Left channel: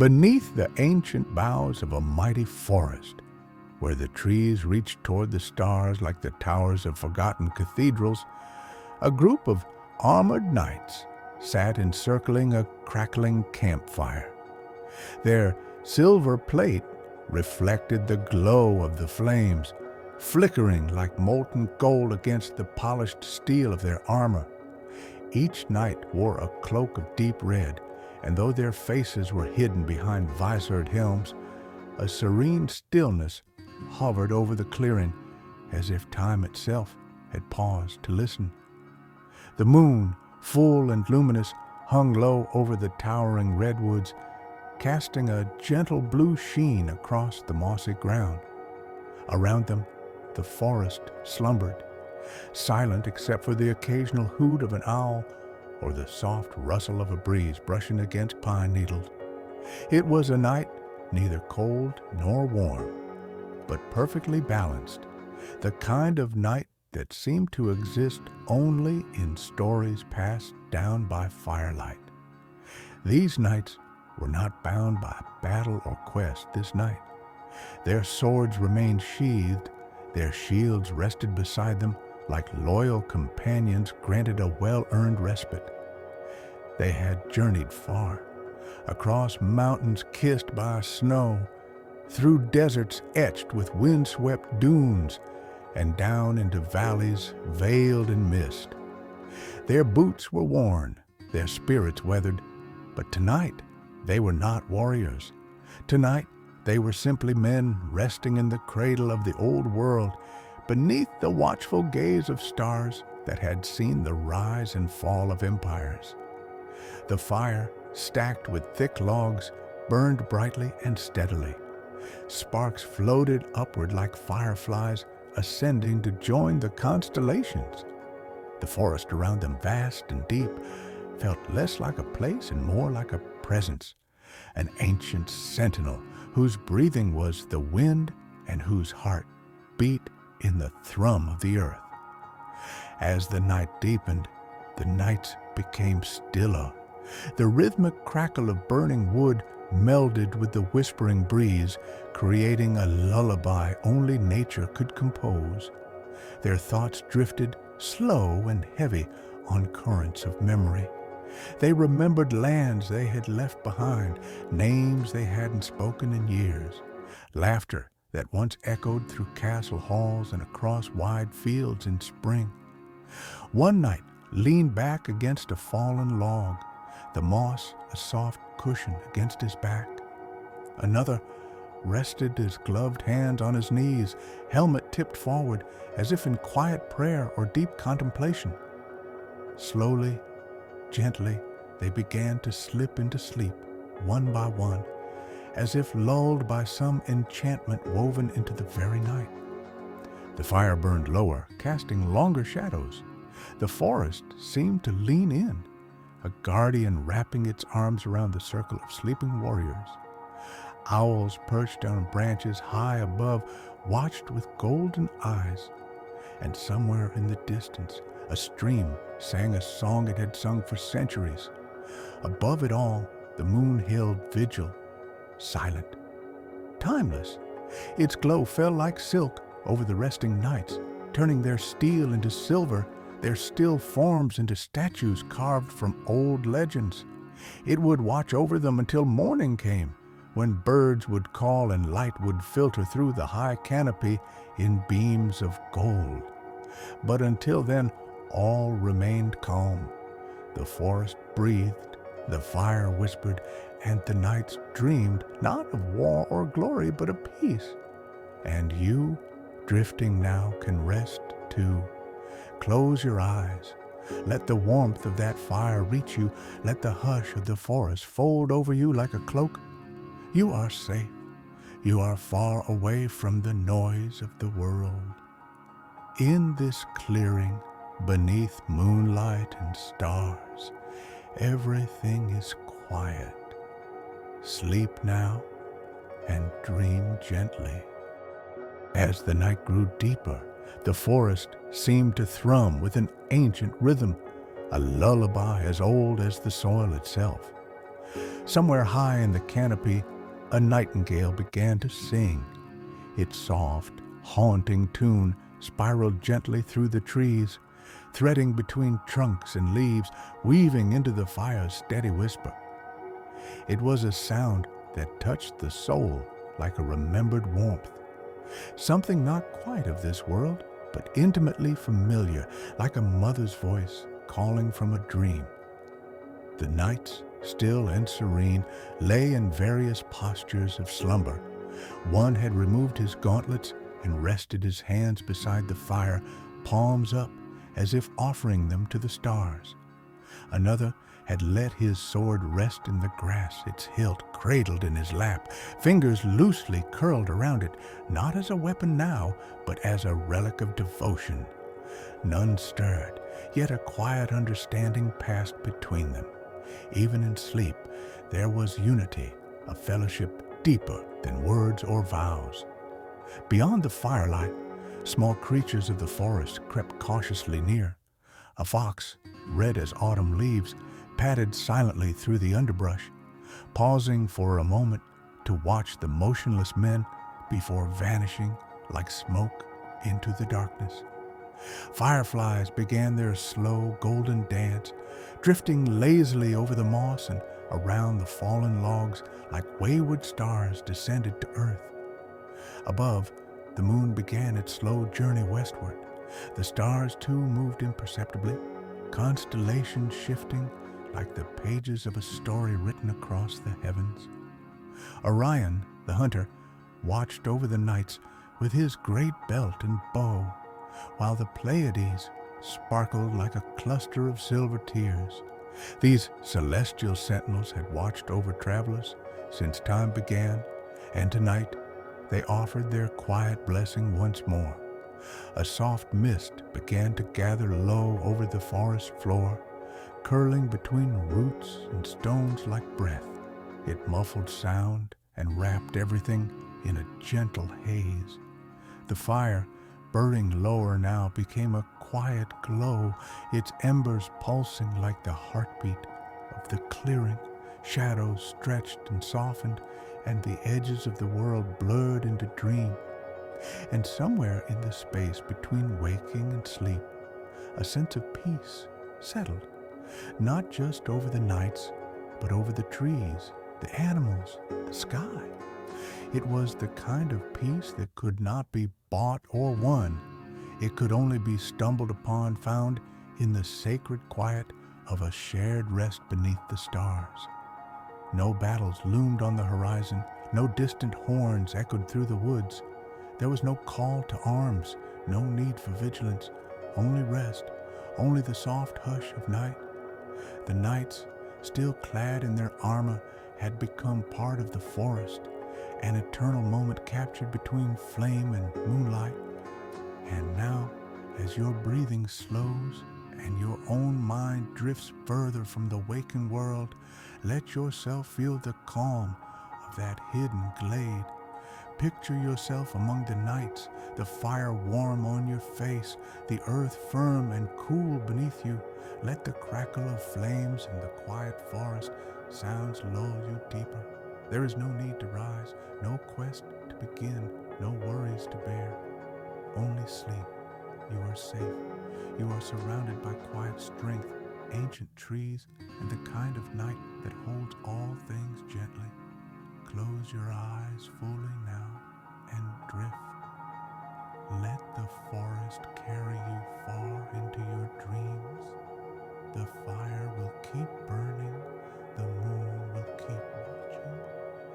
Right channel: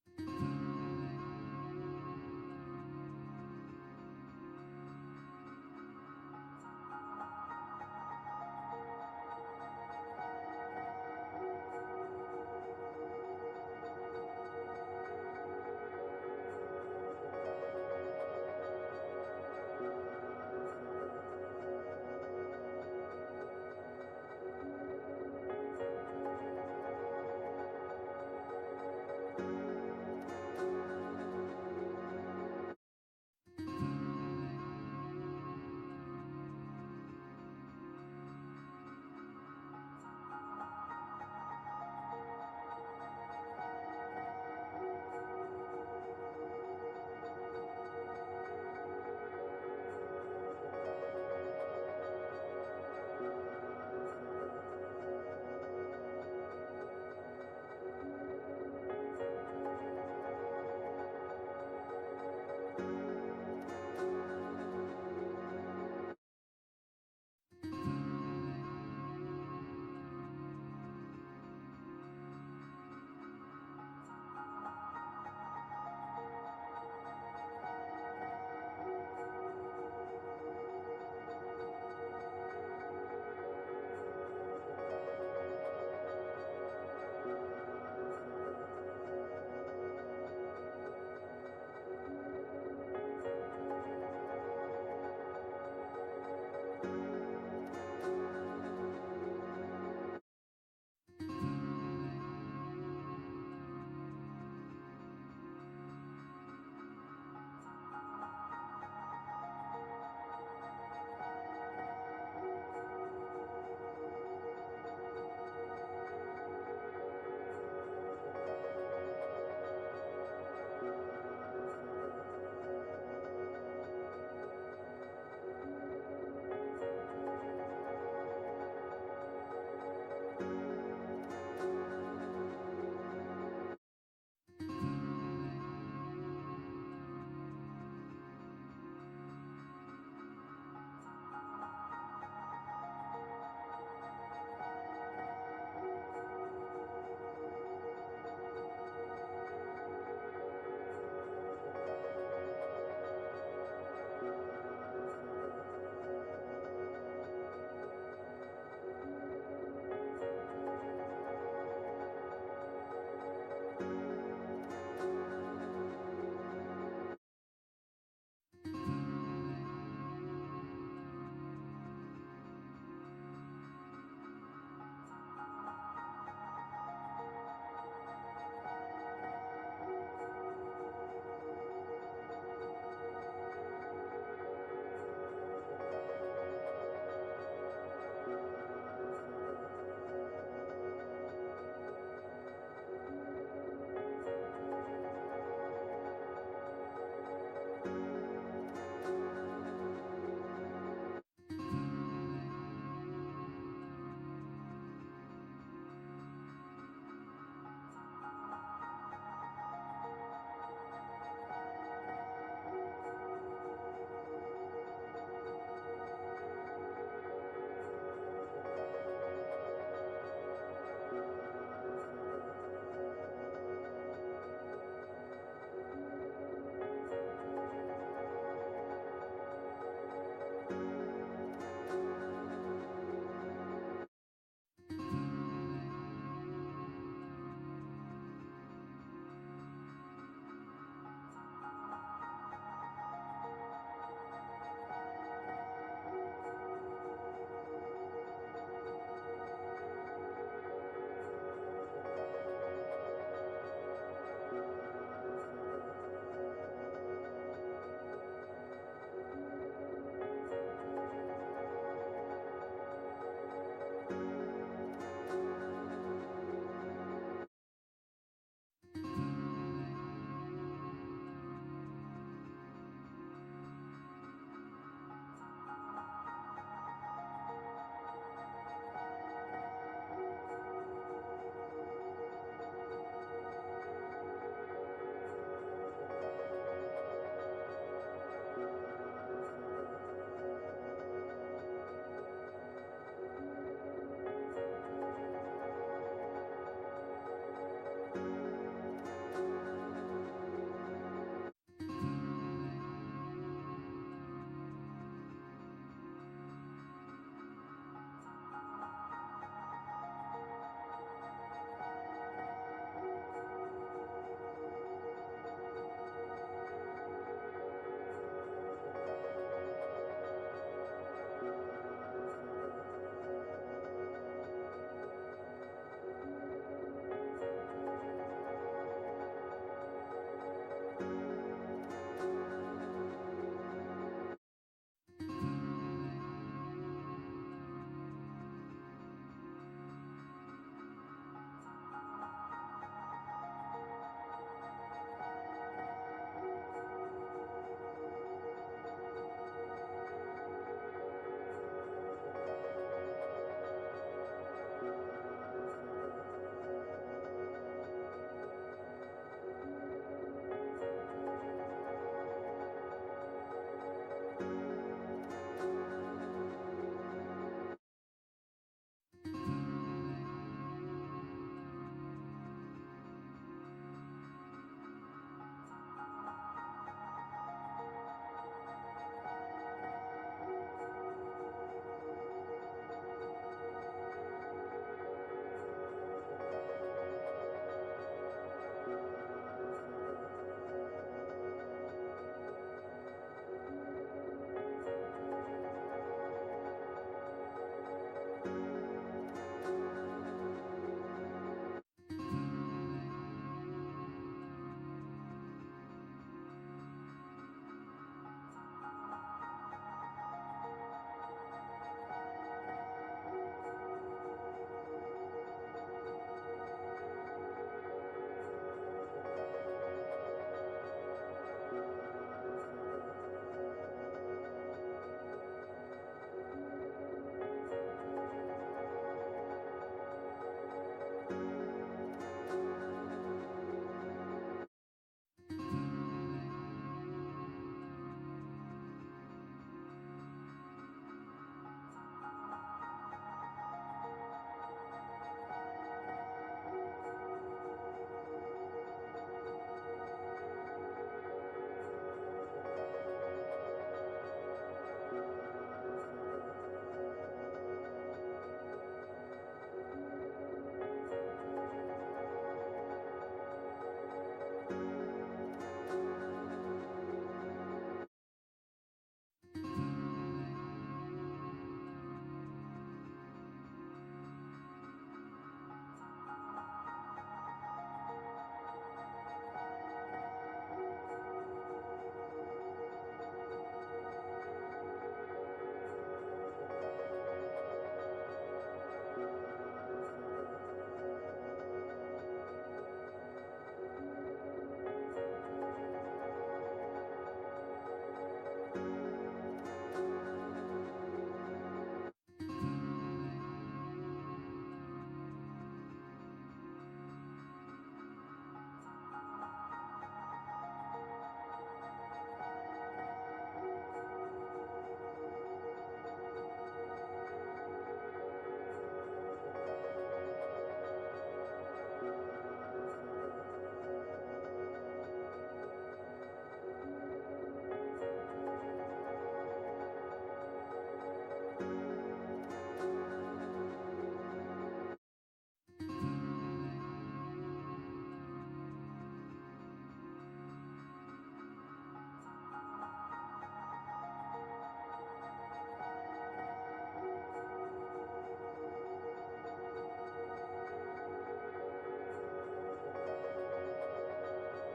Beneath the ancient boughs of a mighty forest, where the trees reached toward the stars like the towers of forgotten cathedrals, a group of armored knights sat encircling a crackling campfire. Their silver plate reflected the glow of the flames, flickering like molten gold against the polished steel of their armor. Each knight wore a cloak of deep red, and though their faces were hidden behind visored helms, a serene stillness hovered over the clearing, as if time itself had paused to listen. The moon, full and luminous, hung low over the towering redwoods, casting a gentle blue sheen across the mossy ground. Around them, the forest slumbered, silent except for the occasional hoot of an owl or the soft rustle of a breeze brushing against pine needles. It was a night neither cold nor warm, but perfectly balanced, the kind of night that seemed to exist only in stories passed down by firelight. These knights were not bound by battle or quest this night. Their swords remained sheathed, their shields rested beside them like loyal companions granted a well-earned respite. They had journeyed far, across mountains kissed by snow, through deserts etched with wind-swept dunes, and down into valleys veiled in mist. Their boots were worn, their spirits weathered, but tonight they were not warriors. Tonight they were simply men resting in the cradle of the old world, beneath the watchful gaze of stars that had seen the rise and fall of empires. The fire, stacked with thick logs, burned brightly and steadily. Sparks floated upward like fireflies, ascending to join the constellations. The forest around them, vast and deep, felt less like a place and more like a presence, an ancient sentinel whose breathing was the wind and whose heart beat in the thrum of the earth. As the night deepened, the nights became stiller. The rhythmic crackle of burning wood melded with the whispering breeze, creating a lullaby only nature could compose. Their thoughts drifted slow and heavy on currents of memory. They remembered lands they had left behind, names they hadn't spoken in years, laughter that once echoed through castle halls and across wide fields in spring. One knight leaned back against a fallen log, the moss a soft cushion against his back. Another rested his gloved hands on his knees, helmet tipped forward, as if in quiet prayer or deep contemplation. Slowly, gently, they began to slip into sleep, one by one, as if lulled by some enchantment woven into the very night. The fire burned lower, casting longer shadows. The forest seemed to lean in, a guardian wrapping its arms around the circle of sleeping warriors. Owls perched on branches high above watched with golden eyes, and somewhere in the distance a stream sang a song it had sung for centuries. Above it all, the moon held vigil, silent, timeless. Its glow fell like silk over the resting knights, turning their steel into silver, their still forms into statues carved from old legends. It would watch over them until morning came, when birds would call and light would filter through the high canopy in beams of gold. But until then, all remained calm. The forest breathed, the fire whispered, and the knights dreamed not of war or glory, but of peace. And you, drifting now, can rest too. Close your eyes. Let the warmth of that fire reach you. Let the hush of the forest fold over you like a cloak. You are safe. You are far away from the noise of the world. In this clearing, beneath moonlight and stars, everything is quiet. Sleep now and dream gently. As the night grew deeper, the forest seemed to thrum with an ancient rhythm, a lullaby as old as the soil itself. Somewhere high in the canopy, a nightingale began to sing. Its soft, haunting tune spiraled gently through the trees, threading between trunks and leaves, weaving into the fire's steady whisper. It was a sound that touched the soul like a remembered warmth, something not quite of this world, but intimately familiar, like a mother's voice calling from a dream. The nights, still and serene, lay in various postures of slumber. One had removed his gauntlets and rested his hands beside the fire, palms up, as if offering them to the stars. Another had let his sword rest in the grass, its hilt cradled in his lap, fingers loosely curled around it, not as a weapon now, but as a relic of devotion. None stirred, yet a quiet understanding passed between them. Even in sleep, there was unity, a fellowship deeper than words or vows. Beyond the firelight, small creatures of the forest crept cautiously near. A fox, red as autumn leaves, padded silently through the underbrush, pausing for a moment to watch the motionless men before vanishing like smoke into the darkness. Fireflies began their slow golden dance, drifting lazily over the moss and around the fallen logs like wayward stars descended to earth. Above, the moon began its slow journey westward. The stars too moved imperceptibly, constellations shifting like the pages of a story written across the heavens. Orion, the hunter, watched over the nights with his great belt and bow, while the Pleiades sparkled like a cluster of silver tears. These celestial sentinels had watched over travelers since time began, and tonight they offered their quiet blessing once more. A soft mist began to gather low over the forest floor, curling between roots and stones like breath. It muffled sound and wrapped everything in a gentle haze. The fire, burning lower now, became a quiet glow, its embers pulsing like the heartbeat of the clearing. Shadows stretched and softened, and the edges of the world blurred into dream. And somewhere in the space between waking and sleep, a sense of peace settled, not just over the nights, but over the trees, the animals, the sky. It was the kind of peace that could not be bought or won. It could only be stumbled upon, found in the sacred quiet of a shared rest beneath the stars. No battles loomed on the horizon, no distant horns echoed through the woods. There was no call to arms, no need for vigilance, only rest, only the soft hush of night. The nights, still clad in their armor, had become part of the forest, an eternal moment captured between flame and moonlight. And now, as your breathing slows and your own mind drifts further from the waking world, let yourself feel the calm of that hidden glade. Picture yourself among the nights, the fire warm on your face, the earth firm and cool beneath you. Let the crackle of flames in the quiet forest sounds lull you deeper. There is no need to rise, no quest to begin, no worries to bear. Only sleep. You are safe. You are surrounded by quiet strength, ancient trees, and the kind of night that holds all things gently. Close your eyes fully now and drift. Let the forest carry you far into your dreams. The fire will keep burning, the moon will keep watching,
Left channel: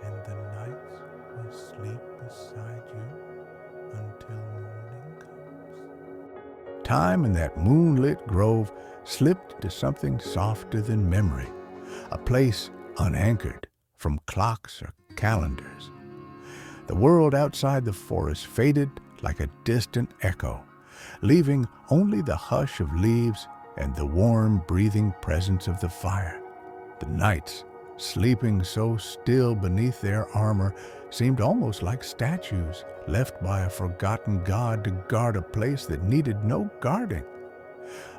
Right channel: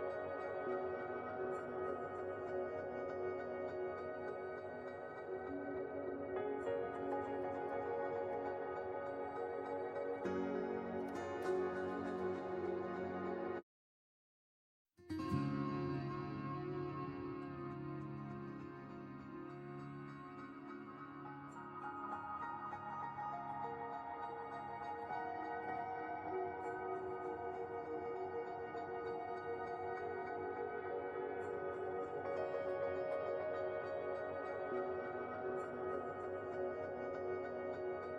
and the nights will sleep beside you until morning comes. Time in that moonlit grove slipped to something softer than memory, a place unanchored from clocks or calendars. The world outside the forest faded like a distant echo, leaving only the hush of leaves and the warm, breathing presence of the fire. The nights, sleeping so still beneath their armor, seemed almost like statues left by a forgotten god to guard a place that needed no guarding.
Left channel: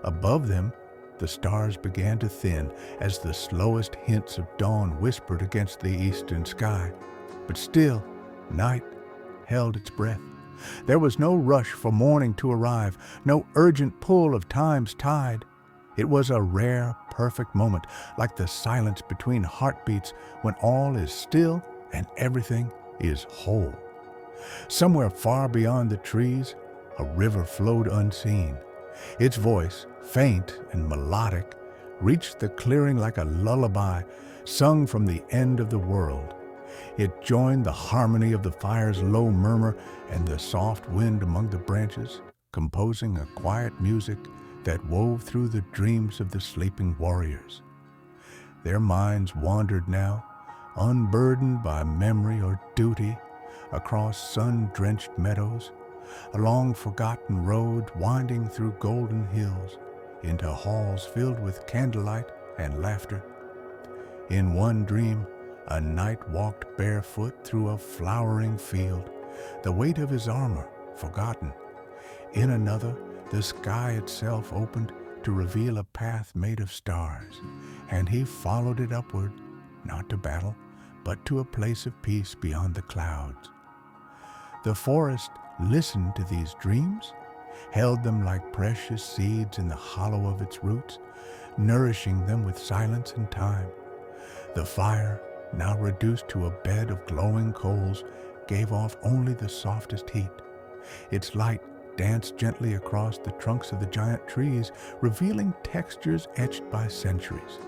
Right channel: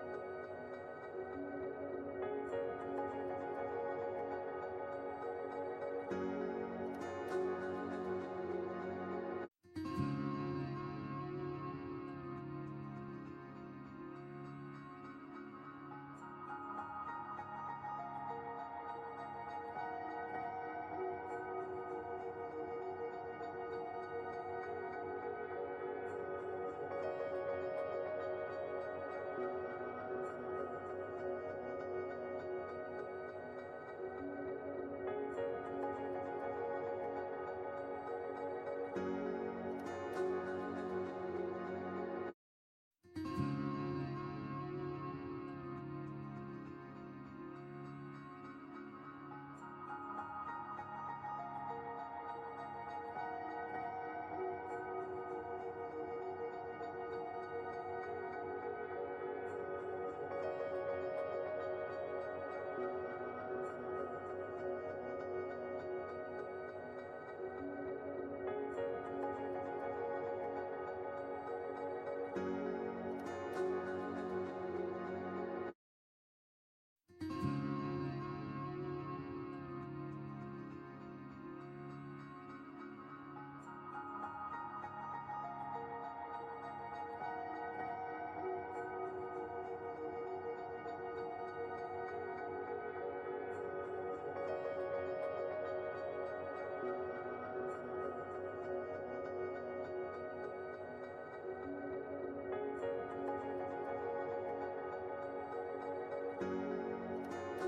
Above them, The stars began to thin as the slowest hints of dawn whispered against the eastern sky. But still, night held its breath. There was no rush for morning to arrive, no urgent pull of time's tide. It was a rare, perfect moment, like the silence between heartbeats when all is still and everything is whole. Somewhere far beyond the trees, a river flowed unseen. Its voice, faint and melodic, reached the clearing like a lullaby sung from the end of the world. It joined the harmony of the fire's low murmur and the soft wind among the branches, composing a quiet music that wove through the dreams of the sleeping warriors. Their minds wandered now, unburdened by memory or duty, across sun-drenched meadows, along forgotten roads winding through golden hills, into halls filled with candlelight and laughter. In one dream, a knight walked barefoot through a flowering field, the weight of his armor forgotten. In another, the sky itself opened to reveal a path made of stars, and he followed it upward, not to battle, but to a place of peace beyond the clouds. The forest listened to these dreams, held them like precious seeds in the hollow of its roots, nourishing them with silence and time. The fire, now reduced to a bed of glowing coals, gave off only the softest heat. Its light danced gently across the trunks of the giant trees, revealing textures etched by centuries,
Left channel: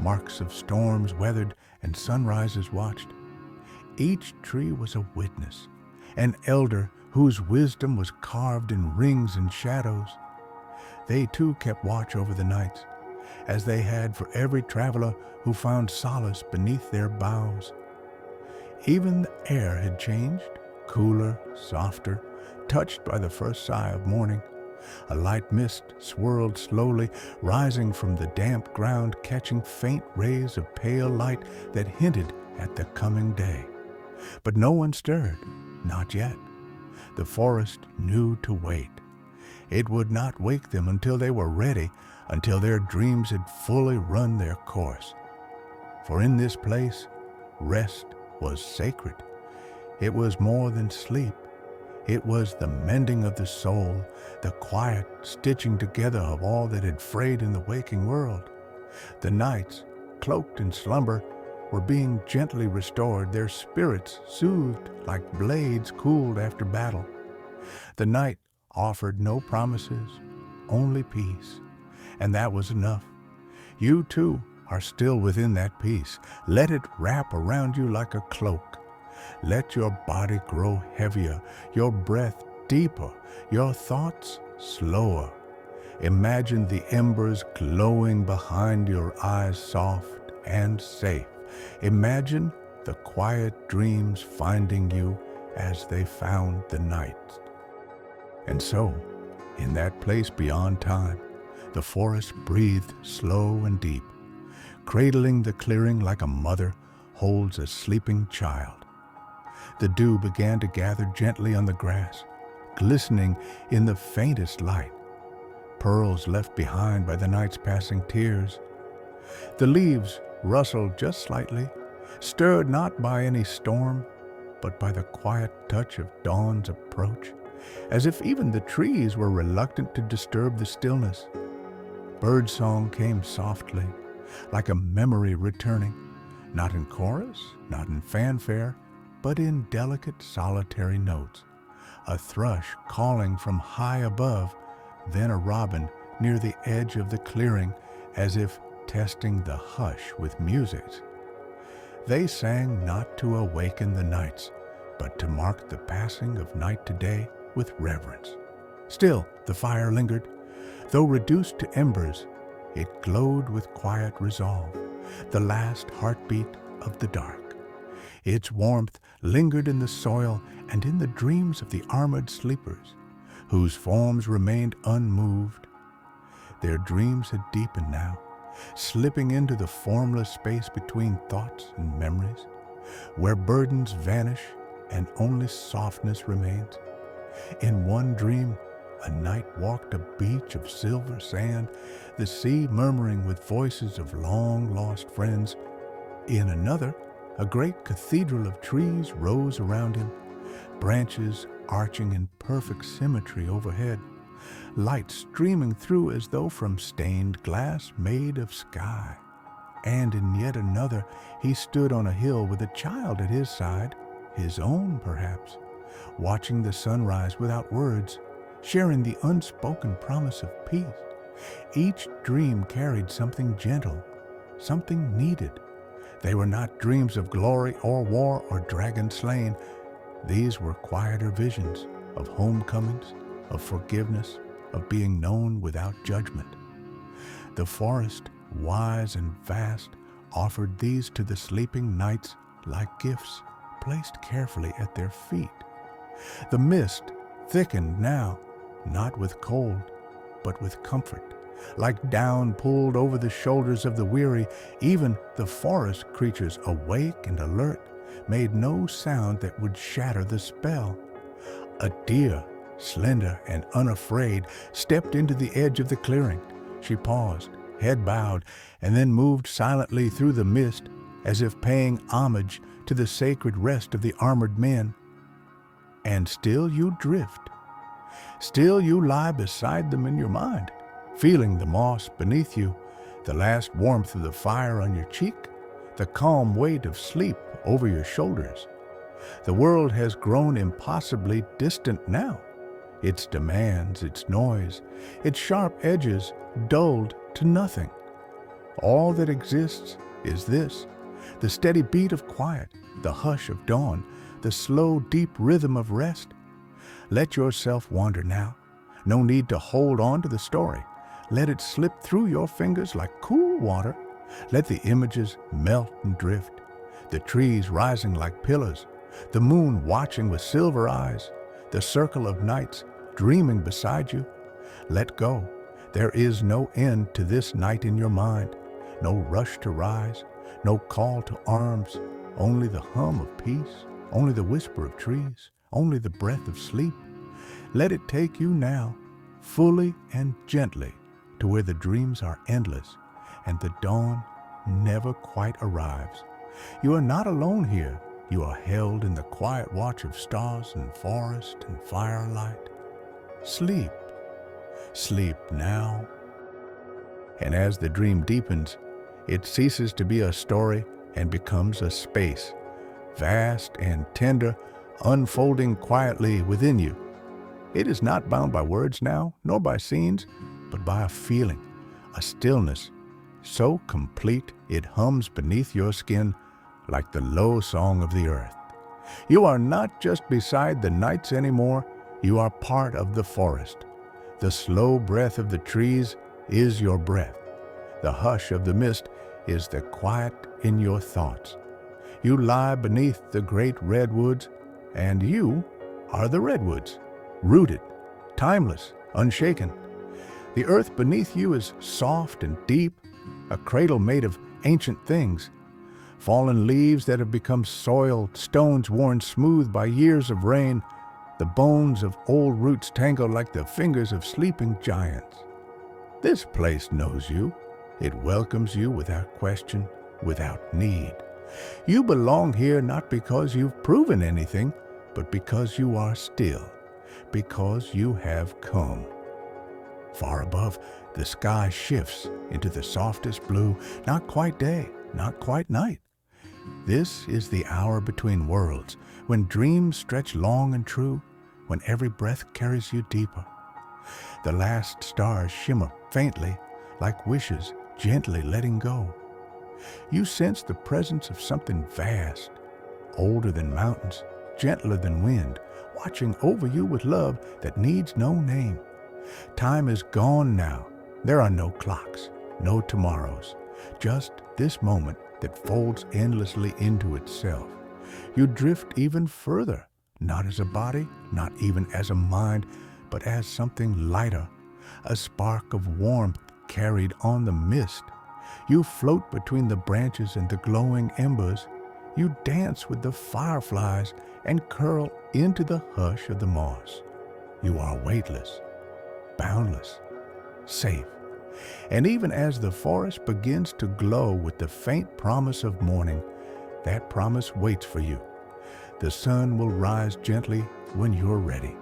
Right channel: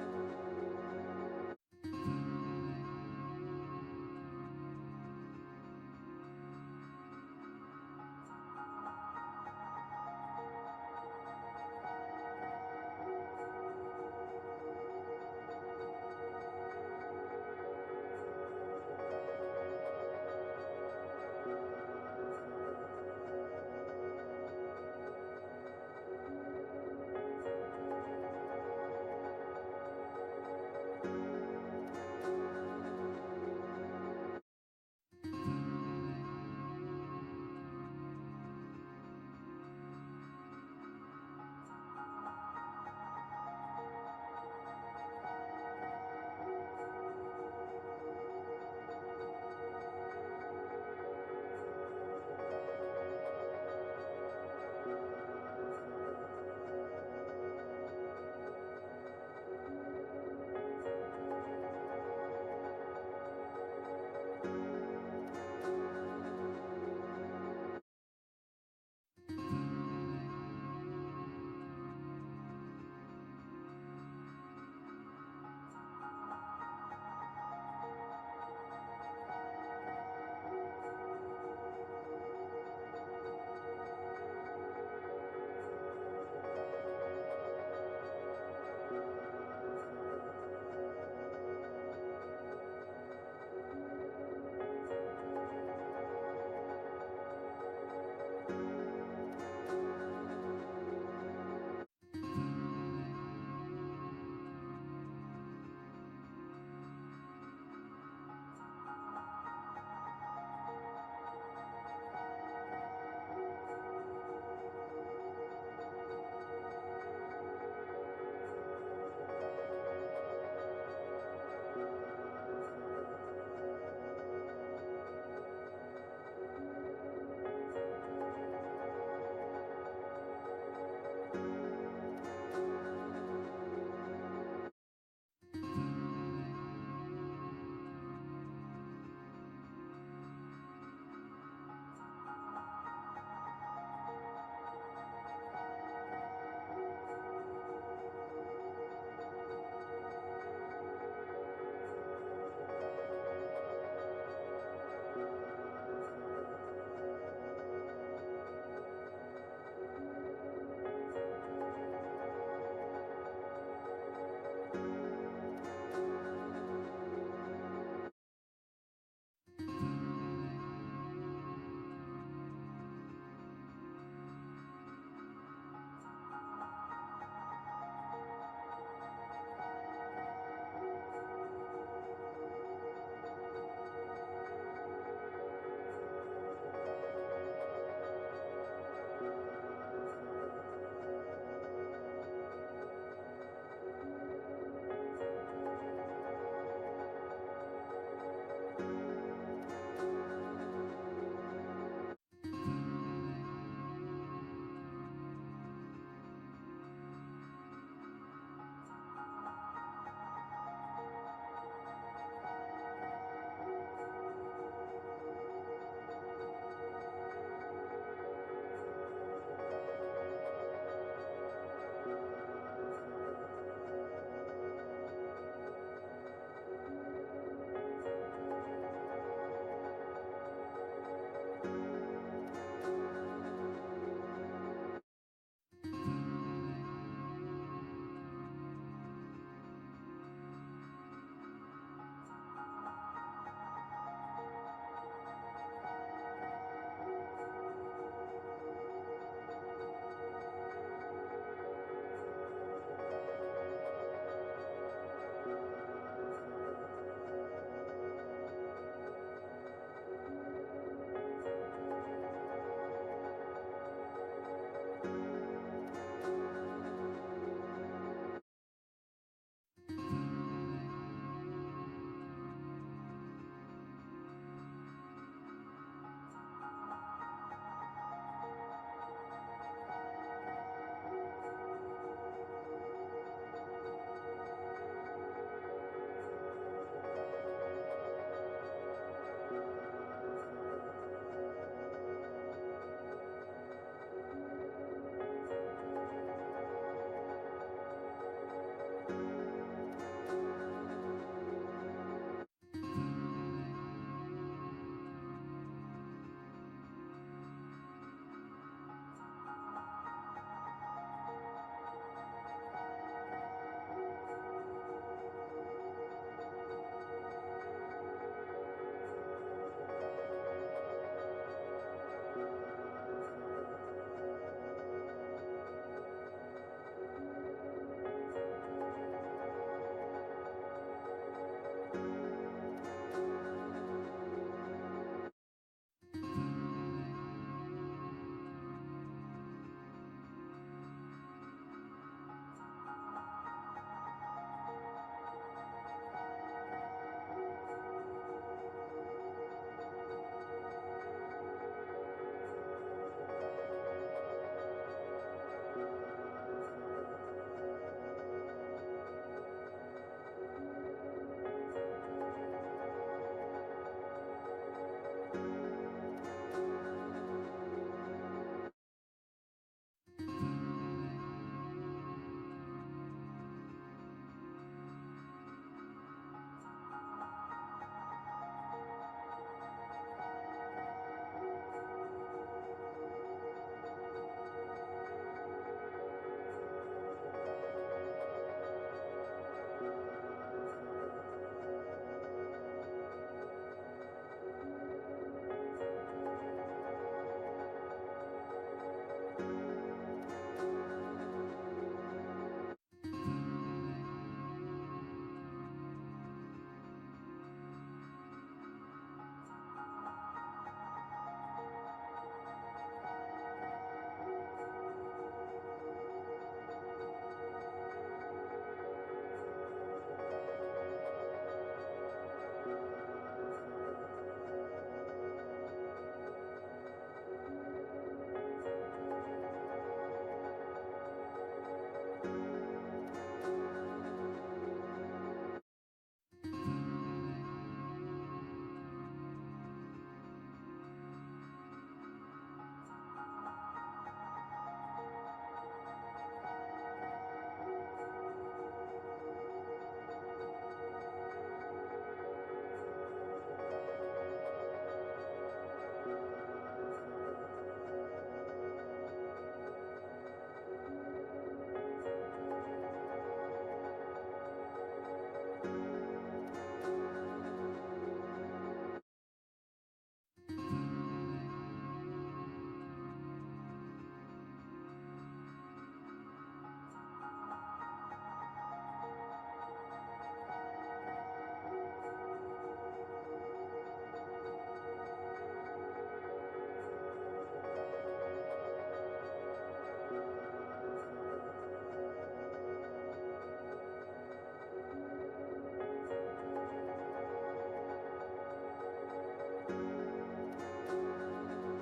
marks of storms weathered and sunrises watched. Each tree was a witness, an elder whose wisdom was carved in rings and shadows. They too kept watch over the nights, as they had for every traveler who found solace beneath their boughs. Even the air had changed, cooler, softer, touched by the first sigh of morning. A light mist swirled slowly, rising from the damp ground, catching faint rays of pale light that hinted at the coming day. But no one stirred, not yet. The forest knew to wait. It would not wake them until they were ready, until their dreams had fully run their course. For in this place, rest was sacred. It was more than sleep. It was the mending of the soul, the quiet stitching together of all that had frayed in the waking world. The nights, cloaked in slumber, were being gently restored, their spirits soothed like blades cooled after battle. The night offered no promises, only peace, and that was enough. You too are still within that peace. Let it wrap around you like a cloak. Let your body grow heavier, your breath deeper, your thoughts slower. Imagine the embers glowing behind your eyes, soft and safe. Imagine the quiet dreams finding you as they found the night. And so, in that place beyond time, the forest breathed slow and deep, cradling the clearing like a mother holds a sleeping child. The dew began to gather gently on the grass, glistening in the faintest light, pearls left behind by the night's passing tears. The leaves rustled just slightly, stirred not by any storm, but by the quiet touch of dawn's approach, as if even the trees were reluctant to disturb the stillness. Birdsong came softly, like a memory returning, not in chorus, not in fanfare, but in delicate solitary notes. A thrush calling from high above, then a robin near the edge of the clearing, as if testing the hush with music. They sang not to awaken the nights, but to mark the passing of night to day with reverence. Still, the fire lingered. Though reduced to embers, it glowed with quiet resolve, the last heartbeat of the dark. Its warmth lingered in the soil and in the dreams of the armored sleepers, whose forms remained unmoved. Their dreams had deepened now, slipping into the formless space between thoughts and memories, where burdens vanish and only softness remains. In one dream, a night walked a beach of silver sand, the sea murmuring with voices of long-lost friends. In another, a great cathedral of trees rose around him, branches arching in perfect symmetry overhead, light streaming through as though from stained glass made of sky. And in yet another, he stood on a hill with a child at his side, his own perhaps, watching the sunrise without words, sharing the unspoken promise of peace. Each dream carried something gentle, something needed. They were not dreams of glory or war or dragon slain. These were quieter visions of homecomings, of forgiveness, of being known without judgment. The forest, wise and vast, offered these to the sleeping nights like gifts placed carefully at their feet. The mist thickened now, not with cold, but with comfort, like down pulled over the shoulders of the weary. Even the forest creatures, awake and alert, made no sound that would shatter the spell. A deer, slender and unafraid, stepped into the edge of the clearing. She paused, head bowed, and then moved silently through the mist, as if paying homage to the sacred rest of the armored men. And still you drift. Still you lie beside them in your mind, feeling the moss beneath you, the last warmth of the fire on your cheek, the calm weight of sleep over your shoulders. The world has grown impossibly distant now, its demands, its noise, its sharp edges dulled to nothing. All that exists is this, the steady beat of quiet, the hush of dawn, the slow, deep rhythm of rest. Let yourself wander now. No need to hold on to the story. Let it slip through your fingers like cool water. Let the images melt and drift, the trees rising like pillars, the moon watching with silver eyes, the circle of nights dreaming beside you. Let go. There is no end to this night in your mind, no rush to rise, no call to arms, only the hum of peace, only the whisper of trees, only the breath of sleep. Let it take you now, fully and gently, to where the dreams are endless and the dawn never quite arrives. You are not alone here. You are held in the quiet watch of stars and forest and firelight. Sleep. Sleep now. And as the dream deepens, it ceases to be a story and becomes a space, vast and tender, unfolding quietly within you. It is not bound by words now, nor by scenes, but by a feeling, a stillness, so complete it hums beneath your skin like the low song of the earth. You are not just beside the nights anymore, you are part of the forest. The slow breath of the trees is your breath. The hush of the mist is the quiet in your thoughts. You lie beneath the great redwoods, and you are the redwoods, rooted, timeless, unshaken. The earth beneath you is soft and deep, a cradle made of ancient things, fallen leaves that have become soil, stones worn smooth by years of rain, the bones of old roots tangled like the fingers of sleeping giants. This place knows you. It welcomes you without question, without need. You belong here not because you've proven anything, but because you are still, because you have come. Far above, the sky shifts into the softest blue, not quite day, not quite night. This is the hour between worlds, when dreams stretch long and true, when every breath carries you deeper. The last stars shimmer faintly, like wishes gently letting go. You sense the presence of something vast, older than mountains, gentler than wind, watching over you with love that needs no name. Time is gone now. There are no clocks, no tomorrows, just this moment that folds endlessly into itself. You drift even further, not as a body, not even as a mind, but as something lighter, a spark of warmth carried on the mist. You float between the branches and the glowing embers. You dance with the fireflies and curl into the hush of the moss. You are weightless, boundless, safe. And even as the forest begins to glow with the faint promise of morning, that promise waits for you. The sun will rise gently when you're ready.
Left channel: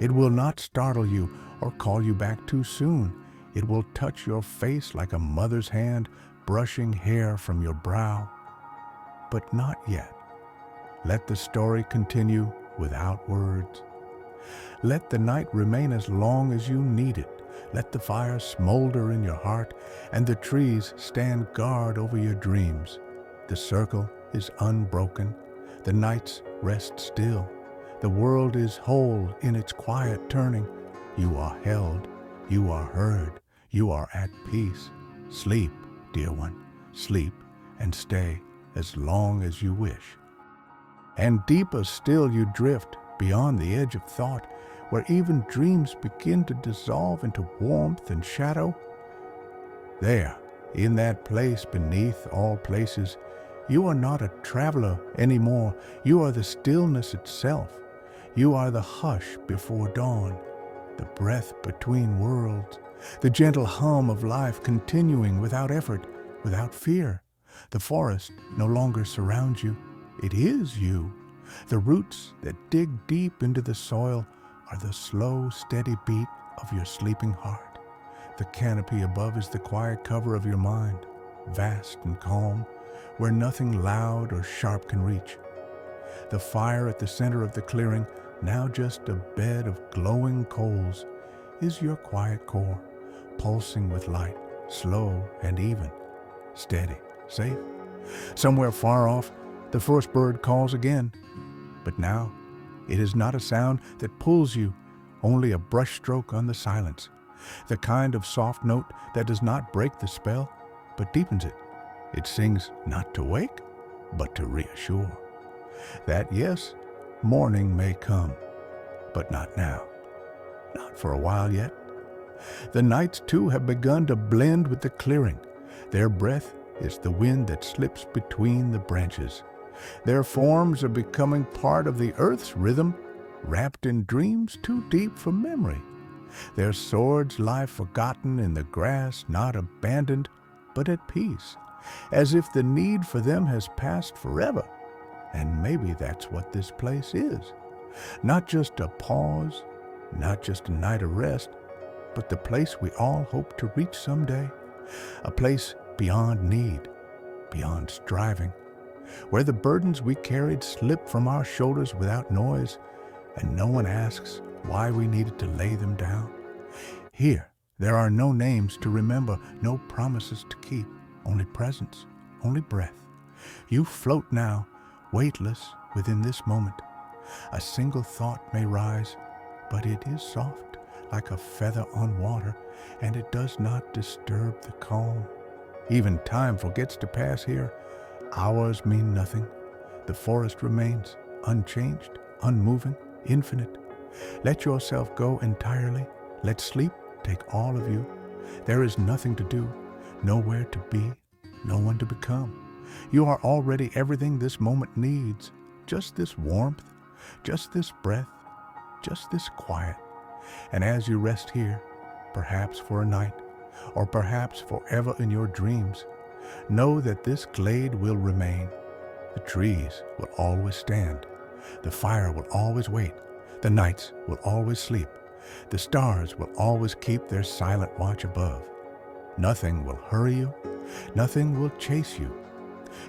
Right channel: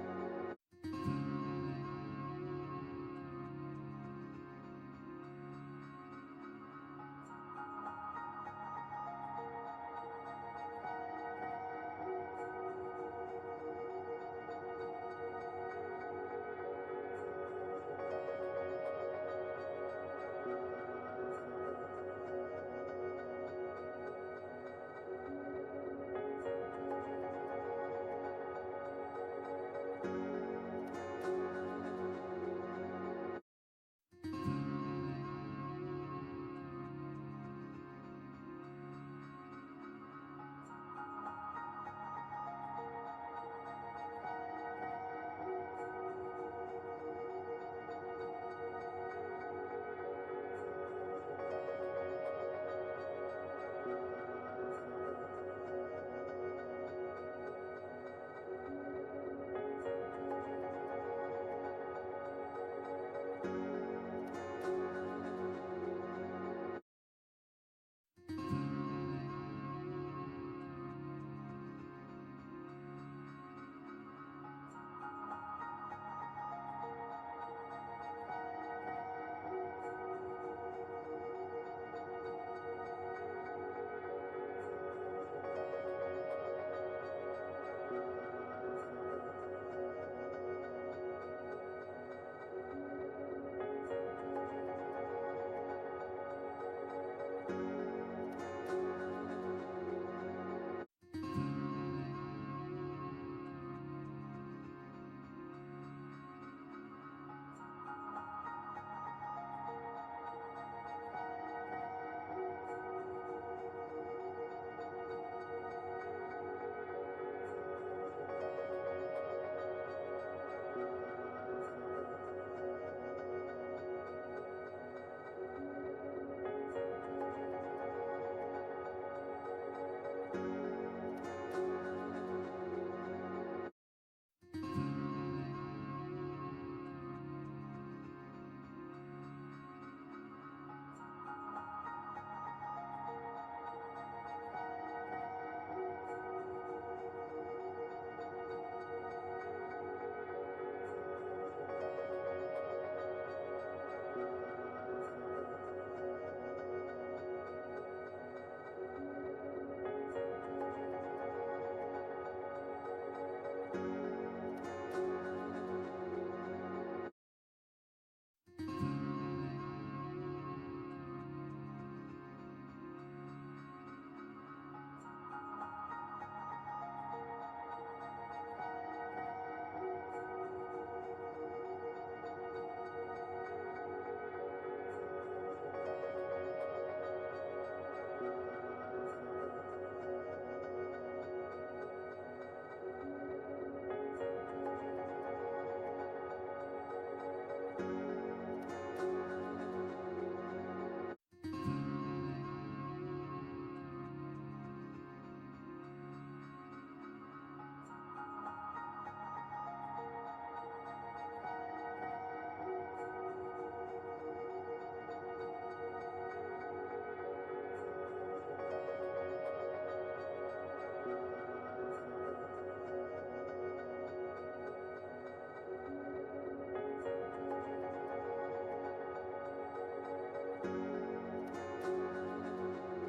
It will not startle you or call you back too soon. It will touch your face like a mother's hand brushing hair from your brow. But not yet. Let the story continue without words. Let the night remain as long as you need it. Let the fire smolder in your heart and the trees stand guard over your dreams. The circle is unbroken. The nights rest still. The world is whole in its quiet turning. You are held. You are heard. You are at peace. Sleep, dear one. Sleep and stay as long as you wish. And deeper still you drift beyond the edge of thought, where even dreams begin to dissolve into warmth and shadow. There, in that place beneath all places, you are not a traveler anymore. You are the stillness itself. You are the hush before dawn, the breath between worlds, the gentle hum of life continuing without effort, without fear. The forest no longer surrounds you. It is you. The roots that dig deep into the soil are the slow, steady beat of your sleeping heart. The canopy above is the quiet cover of your mind, vast and calm, where nothing loud or sharp can reach. The fire at the center of the clearing, now just a bed of glowing coals, is your quiet core, pulsing with light, slow and even, steady, safe. Somewhere far off, the first bird calls again, but now it is not a sound that pulls you, only a brushstroke on the silence, the kind of soft note that does not break the spell, but deepens it. It sings not to wake, but to reassure that yes, morning may come, but not now, not for a while yet. The nights too have begun to blend with the clearing. Their breath is the wind that slips between the branches. Their forms are becoming part of the earth's rhythm, wrapped in dreams too deep for memory. Their swords lie forgotten in the grass, not abandoned, but at peace, as if the need for them has passed forever. And maybe that's what this place is. Not just a pause, not just a night of rest, but the place we all hope to reach someday. A place beyond need, beyond striving, where the burdens we carried slip from our shoulders without noise, and no one asks why we needed to lay them down. Here, there are no names to remember, no promises to keep, only presence, only breath. You float now, weightless within this moment. A single thought may rise, but it is soft, like a feather on water, and it does not disturb the calm. Even time forgets to pass here. Hours mean nothing. The forest remains unchanged, unmoving, infinite. Let yourself go entirely. Let sleep take all of you. There is nothing to do, nowhere to be, no one to become. You are already everything this moment needs. Just this warmth, just this breath, just this quiet. And as you rest here, perhaps for a night, or perhaps forever in your dreams, know that this glade will remain. The trees will always stand. The fire will always wait. The nights will always sleep. The stars will always keep their silent watch above. Nothing will hurry you. Nothing will chase you.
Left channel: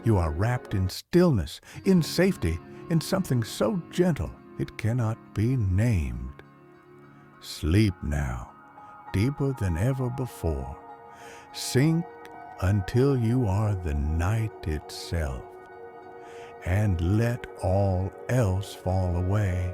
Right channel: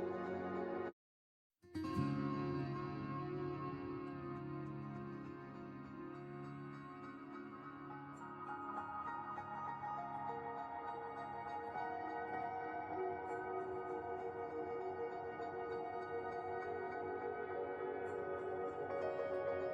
You are wrapped in stillness, in safety, in something so gentle it cannot be named. Sleep now, deeper than ever before. Sink until you are the night itself, and let all else fall away.